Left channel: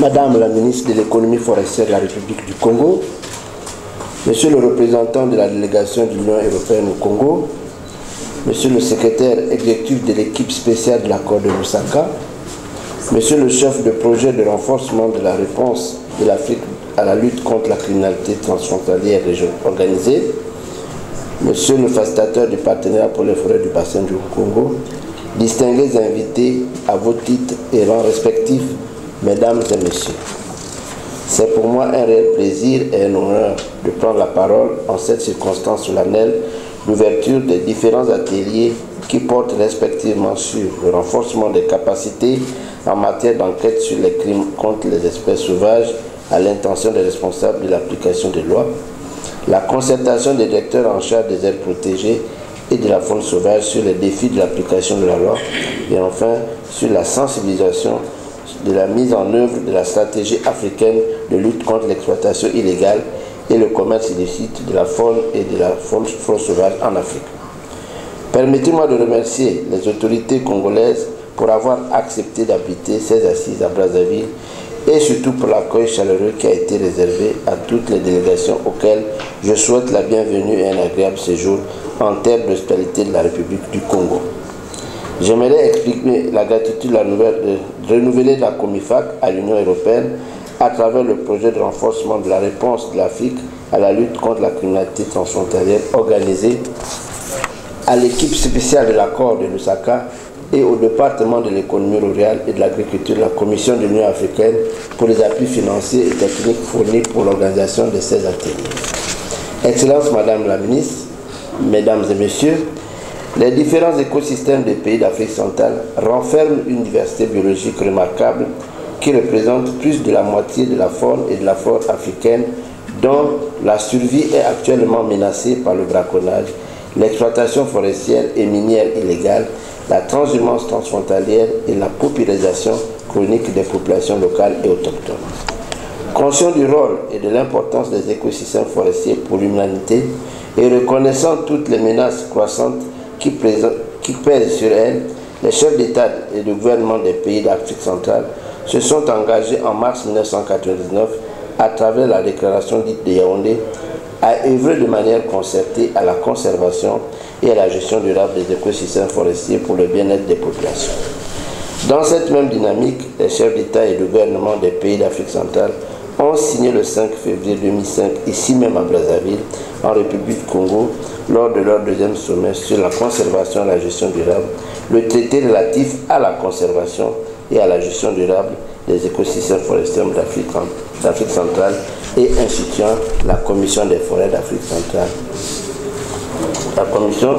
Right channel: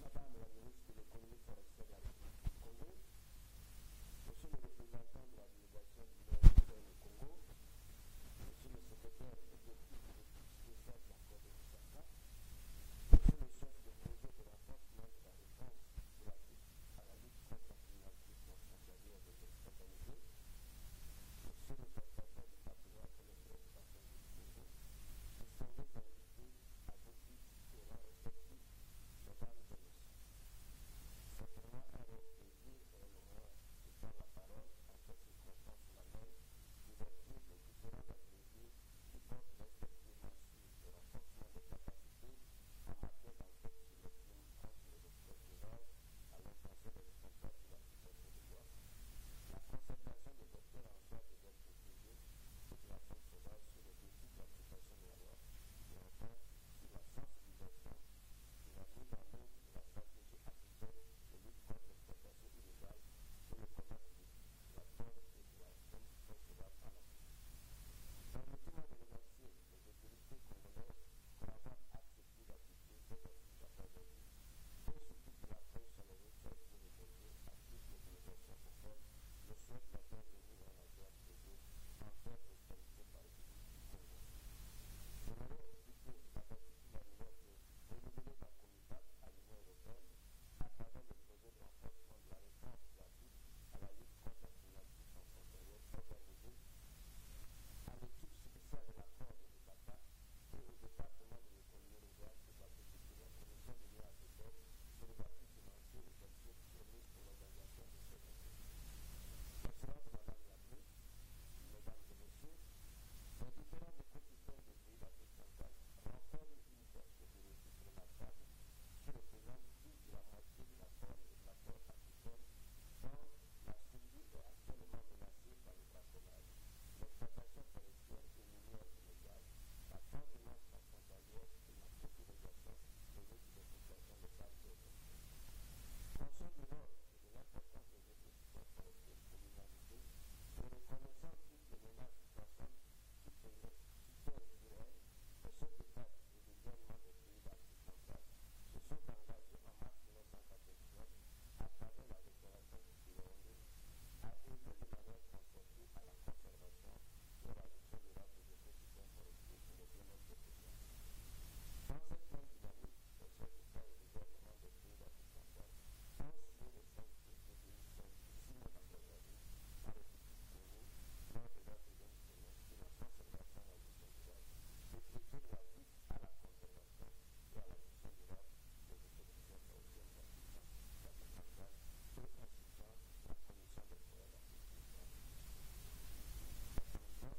Madame la ministre de l'économie forestière de la République du Congo, Monsieur le représentant de la délégation de l'Union européenne au Congo, Monsieur le secrétaire exécutif de l'équipe spéciale de l'accord de Lusaka, Monsieur le chef de projet de renforcement de la réponse de l'Afrique à la lutte contre la criminalité transfrontalière organisée, Monsieur le facilitateur du partenariat pour les forêts du bassin du Congo, distingués invités à vos titres et rangs respectifs, Mesdames et Messieurs. C'est pour moi un réel plaisir et un honneur de prendre la parole en cette circonstance solennelle d'ouverture des différents ateliers qui portent respectivement sur le renforcement des capacités en matière d'enquête sur les crimes contre les espèces sauvages à l'intention des responsables de l'application des lois, la concertation des directeurs en charge des aires protégées et de la faune sauvage sur les défis de l'application de la loi et enfin sur la sensibilisation de la mise en œuvre de la stratégie africaine de lutte contre l'exploitation illégale et le commerce illicite de la faune et de la faune sauvage en Afrique. Permettez-moi de remercier les autorités congolaises pour avoir accepté d'habiter ces assises à Brazzaville et surtout pour l'accueil chaleureux qui a été réservé à toutes les délégations auxquelles je souhaite la bienvenue et un agréable séjour en terre d'hospitalité de la République du Congo. J'aimerais expliquer la gratitude renouvelée de la Comifac à l'Union européenne à travers le projet de renforcement de la réponse de l'Afrique à la lutte contre la criminalité transfrontalière organisée à l'équipe spéciale de l'accord de Lusaka et au département de l'économie rurale et de l'agriculture de la Commission de l'Union africaine pour les appuis financiers et techniques fournis pour l'organisation de ces ateliers. Excellences, Madame la Ministre, Mesdames et Messieurs, les différents écosystèmes des pays d'Afrique centrale renferment une diversité biologique remarquable qui représente plus de la moitié de la faune et de la flore africaine dont la survie est actuellement menacée par le braconnage, l'exploitation forestière et minière illégale, la transhumance transfrontalière et la paupérisation chronique des populations locales et autochtones. Conscient du rôle et de l'importance des écosystèmes forestiers pour l'humanité et reconnaissant toutes les menaces croissantes qui pèsent sur elles, les chefs d'État et de gouvernement des pays d'Afrique centrale se sont engagés en mars 1999 à travers la déclaration dite de Yaoundé à œuvrer de manière concertée à la conservation et à la gestion durable des écosystèmes forestiers pour le bien-être des populations. Dans cette même dynamique, les chefs d'État et de gouvernement des pays d'Afrique centrale ont signé le 5 février 2005, ici même à Brazzaville, en République du Congo, lors de leur deuxième sommet sur la conservation et la gestion durable, le traité relatif à la conservation et à la gestion durable des écosystèmes forestiers d'Afrique centrale et instituant la Commission des forêts d'Afrique centrale. La Commission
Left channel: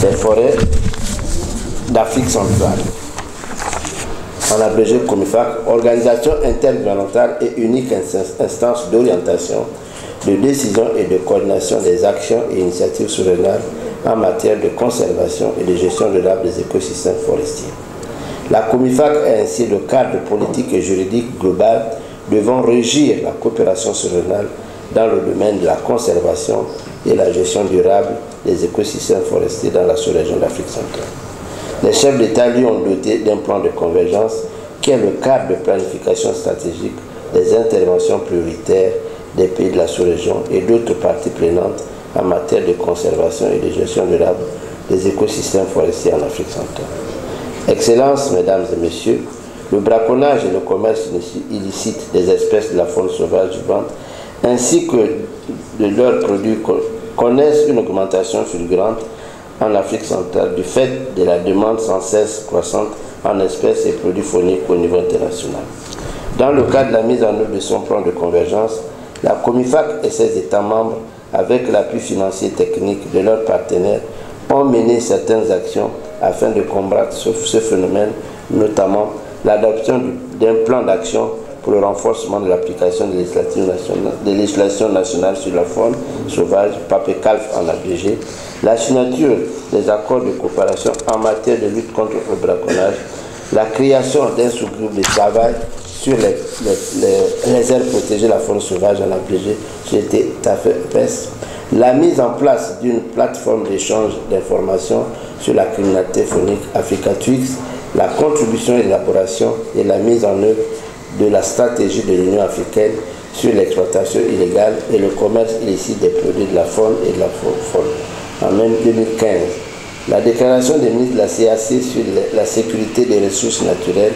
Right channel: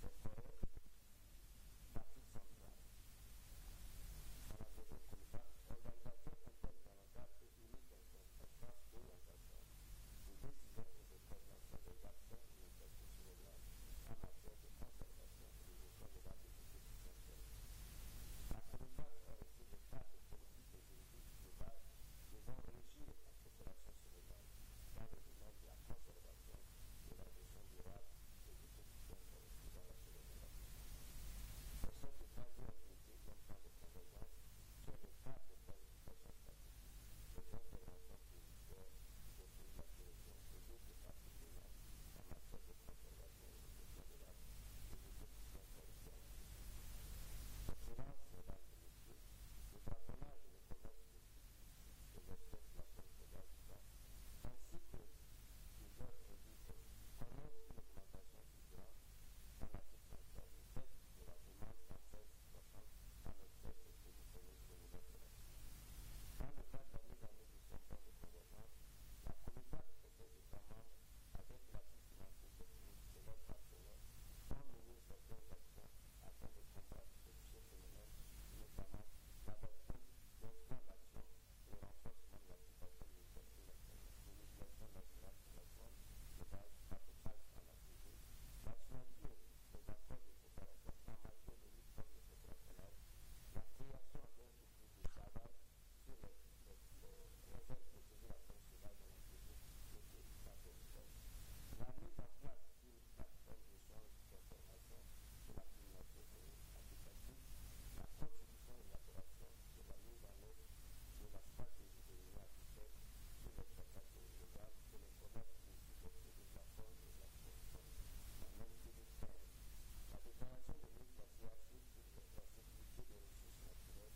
des forêts d'Afrique centrale, en abrégé Comifac, organisation intergouvernementale et unique instance d'orientation, de décision et de coordination des actions et initiatives souveraines en matière de conservation et de gestion durable des écosystèmes forestiers. La Comifac est ainsi le cadre politique et juridique global devant régir la coopération souveraine dans le domaine de la conservation et la gestion durable des écosystèmes forestiers dans la sous-région d'Afrique centrale. Les chefs d'État lui ont doté d'un plan de convergence qui est le cadre de planification stratégique des interventions prioritaires des pays de la sous-région et d'autres parties prenantes en matière de conservation et de gestion durable des écosystèmes forestiers en Afrique centrale. Excellences, Mesdames et Messieurs, le braconnage et le commerce illicite des espèces de la faune sauvage vivante ainsi que de leurs produits connaissent une augmentation fulgurante en Afrique centrale du fait de la demande sans cesse croissante en espèces et produits fauniques au niveau international. Dans le cadre de la mise en œuvre de son plan de convergence, la Comifac et ses États membres, avec l'appui financier et technique de leurs partenaires, ont mené certaines actions afin de combattre ce phénomène, notamment l'adoption d'un plan d'action pour le renforcement de l'application de législation nationale sur la faune sauvage, PAPECALF en abrégé, la signature des accords de coopération en matière de lutte contre le braconnage, la création d'un sous-groupe de travail sur les aires protégées de la faune sauvage en abrégé, j'étais TAFEPES, la mise en place d'une plateforme d'échange d'informations sur la criminalité faunique Africa Twix, la contribution, élaboration et la mise en œuvre de la stratégie de l'Union africaine sur l'exploitation illégale et le commerce illicite des produits de la faune et de la faune, en même 2015. La déclaration des ministres de la CAC sur la sécurité des ressources naturelles,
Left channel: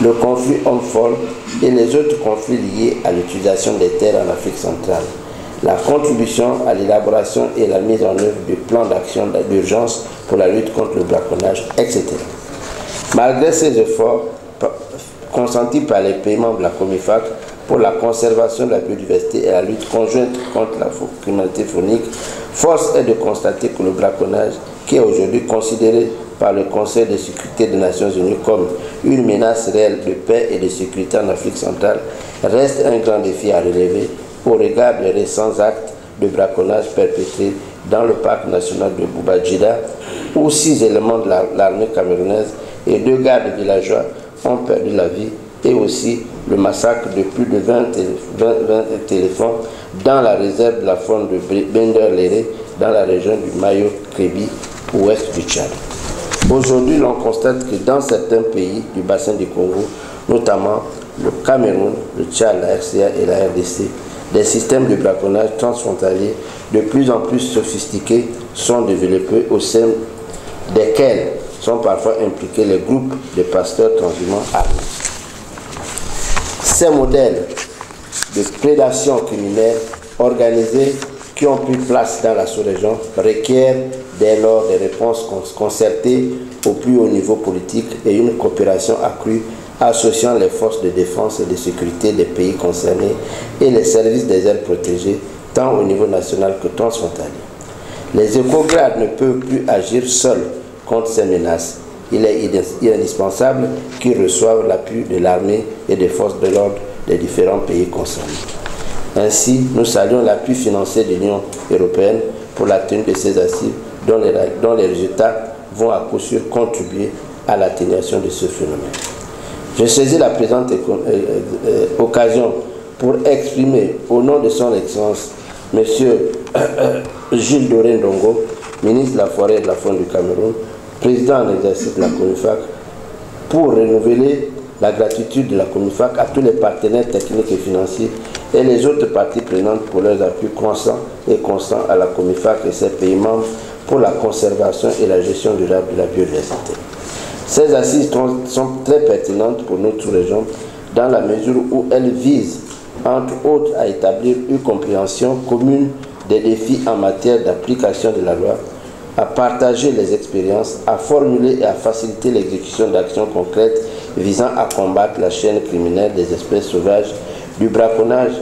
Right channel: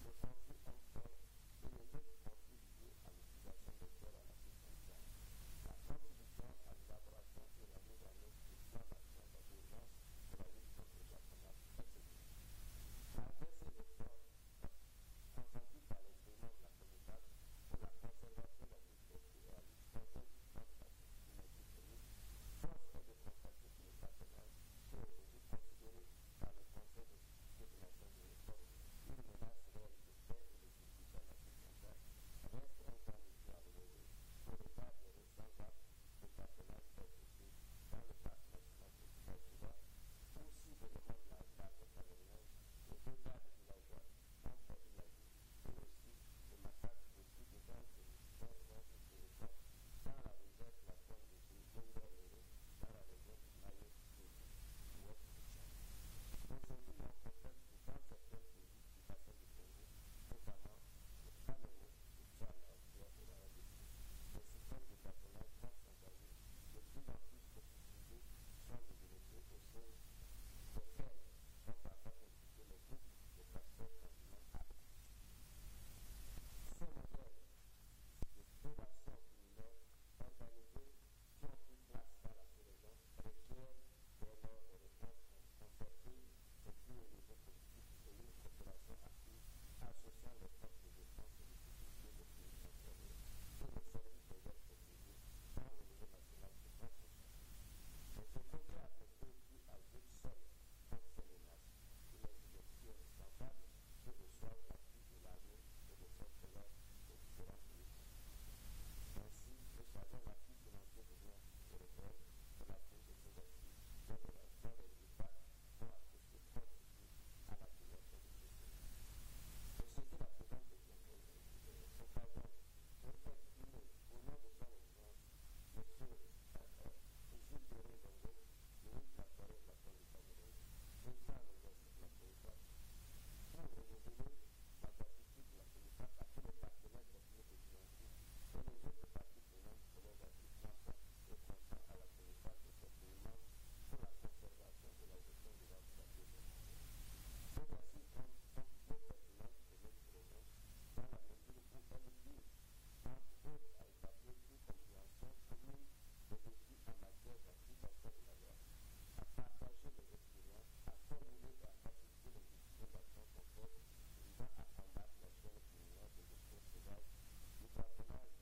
le conflit homme-femme et les autres conflits liés à l'utilisation des terres en Afrique centrale, la contribution à l'élaboration et la mise en œuvre du plan d'action d'urgence pour la lutte contre le braconnage, etc. Malgré ces efforts consentis par les pays membres de la COMIFAC pour la conservation de la biodiversité et la lutte conjointe contre la criminalité faunique, force est de constater que le braconnage, qui est aujourd'hui considéré par le Conseil de sécurité des Nations Unies comme une menace réelle de paix et de sécurité en Afrique centrale, reste un grand défi à relever au regard des récents actes de braconnage perpétrés dans le parc national de Bouba-Djida, où 6 éléments de l'armée camerounaise et 2 gardes villageois ont perdu la vie, et aussi le massacre de plus de 20 éléphants dans la réserve de la faune de Bender-Léré, dans la région du Mayo-Kébi, ouest du Tchad. Aujourd'hui, l'on constate que dans certains pays du bassin du Congo, notamment le Cameroun, le Tchad, la RCA et la RDC, des systèmes de braconnage transfrontaliers de plus en plus sophistiqués sont développés, au sein desquels sont parfois impliqués les groupes de pasteurs transhumants armés. Ces modèles de prédation criminelle organisée qui ont pris place dans la sous-région requièrent dès lors des réponses concertées au plus haut niveau politique et une coopération accrue associant les forces de défense et de sécurité des pays concernés et les services des aires protégées, tant au niveau national que transfrontalier. Les écogrades ne peuvent plus agir seuls contre ces menaces. Il est indispensable qu'ils reçoivent l'appui de l'armée et des forces de l'ordre des différents pays concernés. Ainsi, nous saluons l'appui financier de l'Union européenne pour la tenue de ces assises dont les résultats vont à coup sûr contribuer à l'atténuation de ce phénomène. Je saisis la présente occasion pour exprimer au nom de son Excellence M. Jules Doré Ndongo, ministre de la Forêt et de la Faune du Cameroun, président en exercice de la COMIFAC, pour renouveler la gratitude de la COMIFAC à tous les partenaires techniques et financiers et les autres parties prenantes pour leurs appuis constants à la COMIFAC et ses pays membres pour la conservation et la gestion durable de la biodiversité. Ces assises sont très pertinentes pour notre région dans la mesure où elles visent, entre autres, à établir une compréhension commune des défis en matière d'application de la loi, à partager les expériences, à formuler et à faciliter l'exécution d'actions concrètes visant à combattre la chaîne criminelle des espèces sauvages, du braconnage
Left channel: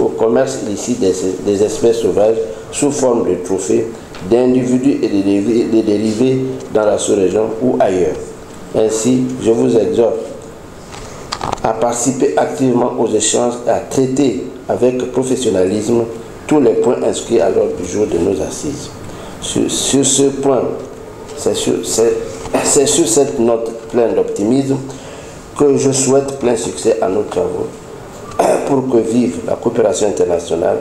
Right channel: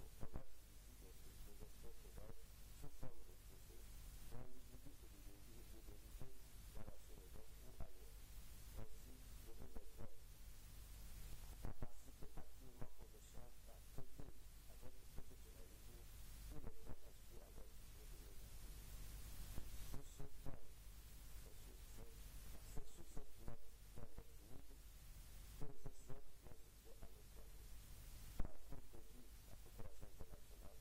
au commerce illicite des espèces sauvages sous forme de trophées, d'individus et de dérivés dans la sous-région ou ailleurs. Ainsi, je vous exhorte à participer activement aux échanges et à traiter avec professionnalisme tous les points inscrits à l'ordre du jour de nos assises. Sur ce point, c'est sur cette note pleine d'optimisme que je souhaite plein succès à nos travaux pour que vive la coopération internationale,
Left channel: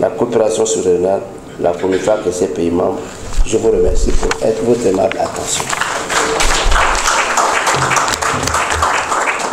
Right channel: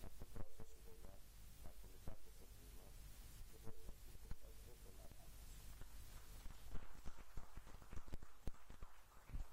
la coopération sous-régionale, la COMIFAC et ses pays membres. Je vous remercie pour votre aimable attention.